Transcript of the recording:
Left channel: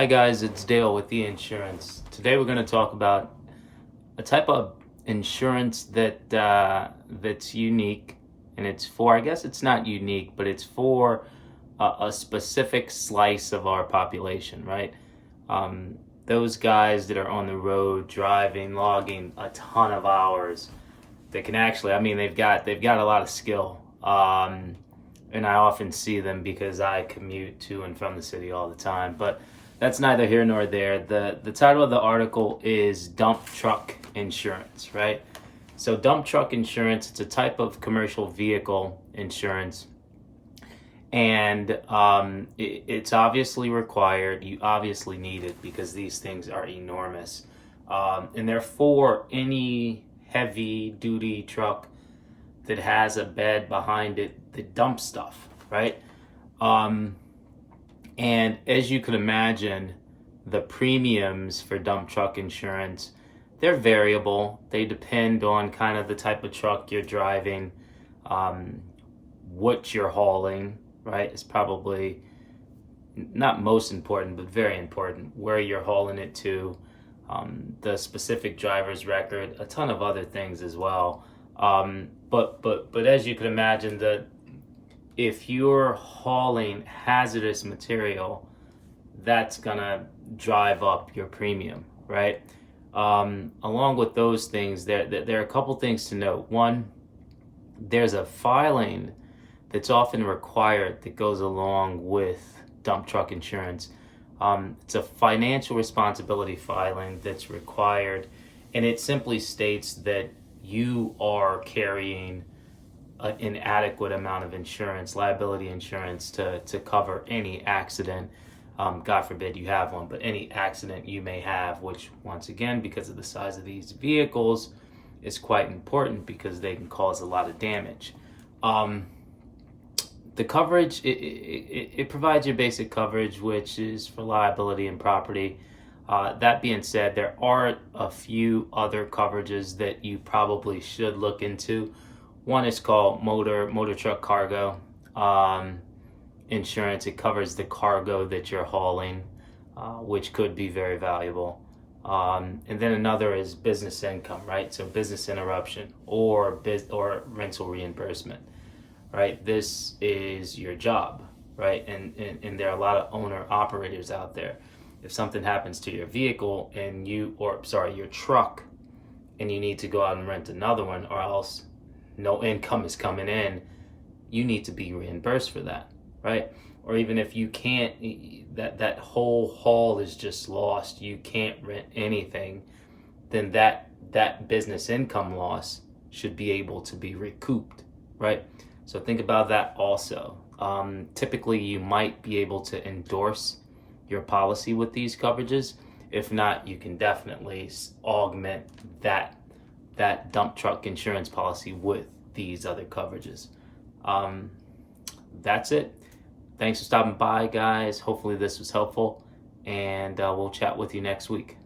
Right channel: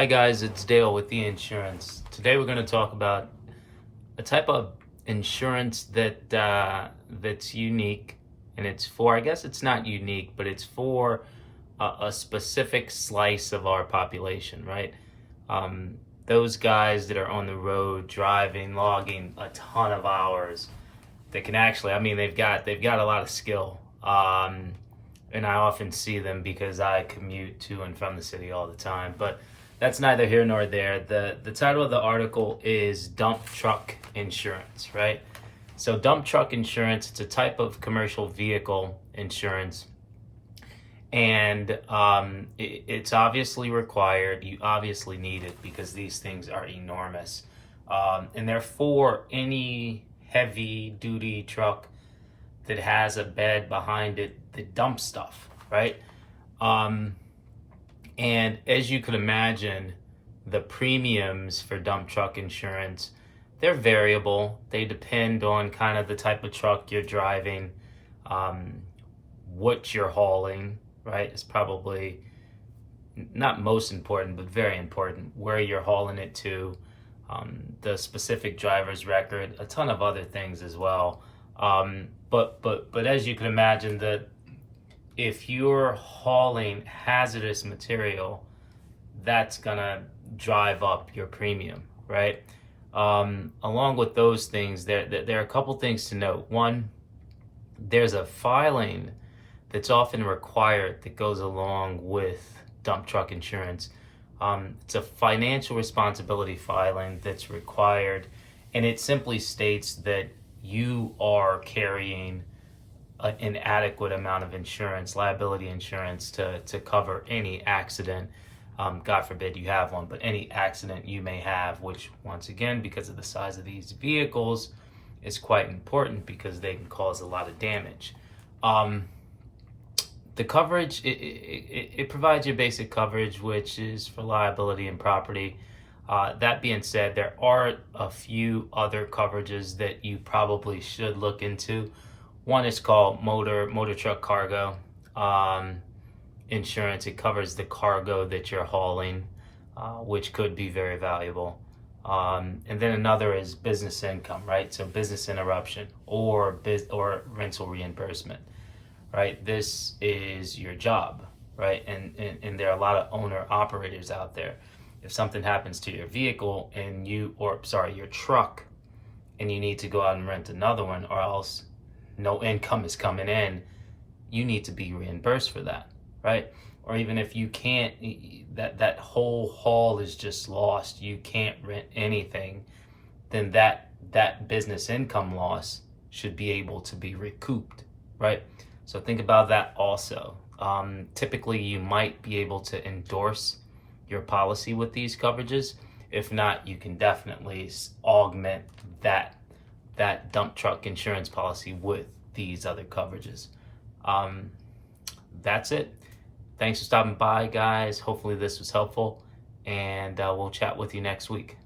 Hi guys, it's Dale with The Insurance. Today we're going to talk about a type of insurance that's unique, and it's for, I guess it's not unique, but it's for a specific slice of our population, right? Those guys that are on the road driving, logging a ton of hours, that can actually, they've got a lot of skill. And I often see them because I commute to and from the city all the time. But that's neither here nor there. The title of the article is Dump Truck Insurance, right? So dump truck insurance, it's a type of commercial vehicle insurance. And it's obviously required. You obviously need it because these things are enormous. And they're for any heavy duty truck that has a bed behind it that dumps stuff, right? And as you can imagine, the premiums for dump truck insurance, they're variable. They depend on kind of the type of truck you're driving, what you're hauling, right? It's probably not most important, but very important, where you're hauling it to, the specific driver's record, a ton of other things as well. But as you can imagine, that if you're hauling hazardous material, that's gonna drive up your premium, right? Along with those things, there are a couple things to note. One, there's a filing that's often required that goes along with dump truck insurance. It's a financial responsibility filing that's required, and it simply states that you are carrying an adequate amount of insurance, liability insurance, to cover any accident. God forbid you have one, but any accident you may have, which once again, because of the size of these vehicles, is quite important because they can cause a lot of damage. The coverage, it provides your basic coverage, which is for liability and property. That being said, there are a few other coverages that you probably should look into. One is called motor truck cargo insurance. It covers the cargo that you're hauling, which could be very valuable. And then another is business income, right? So business interruption or rental reimbursement, right? This is your job, right? And there are a lot of owner operators out there. If something happens to your vehicle and your truck, and you need to go out and rent another one, or else no income is coming in, you need to be reimbursed for that, right? Or even if you can't, that whole haul is just lost, you can't rent anything, then that business income loss should be able to be recouped, right? So think about that also. Typically, you might be able to endorse your policy with these coverages. If not, you can definitely augment that dump truck insurance policy with these other coverages. That's it. Thanks for stopping by, guys. Hopefully this was helpful, and we'll chat with you next week.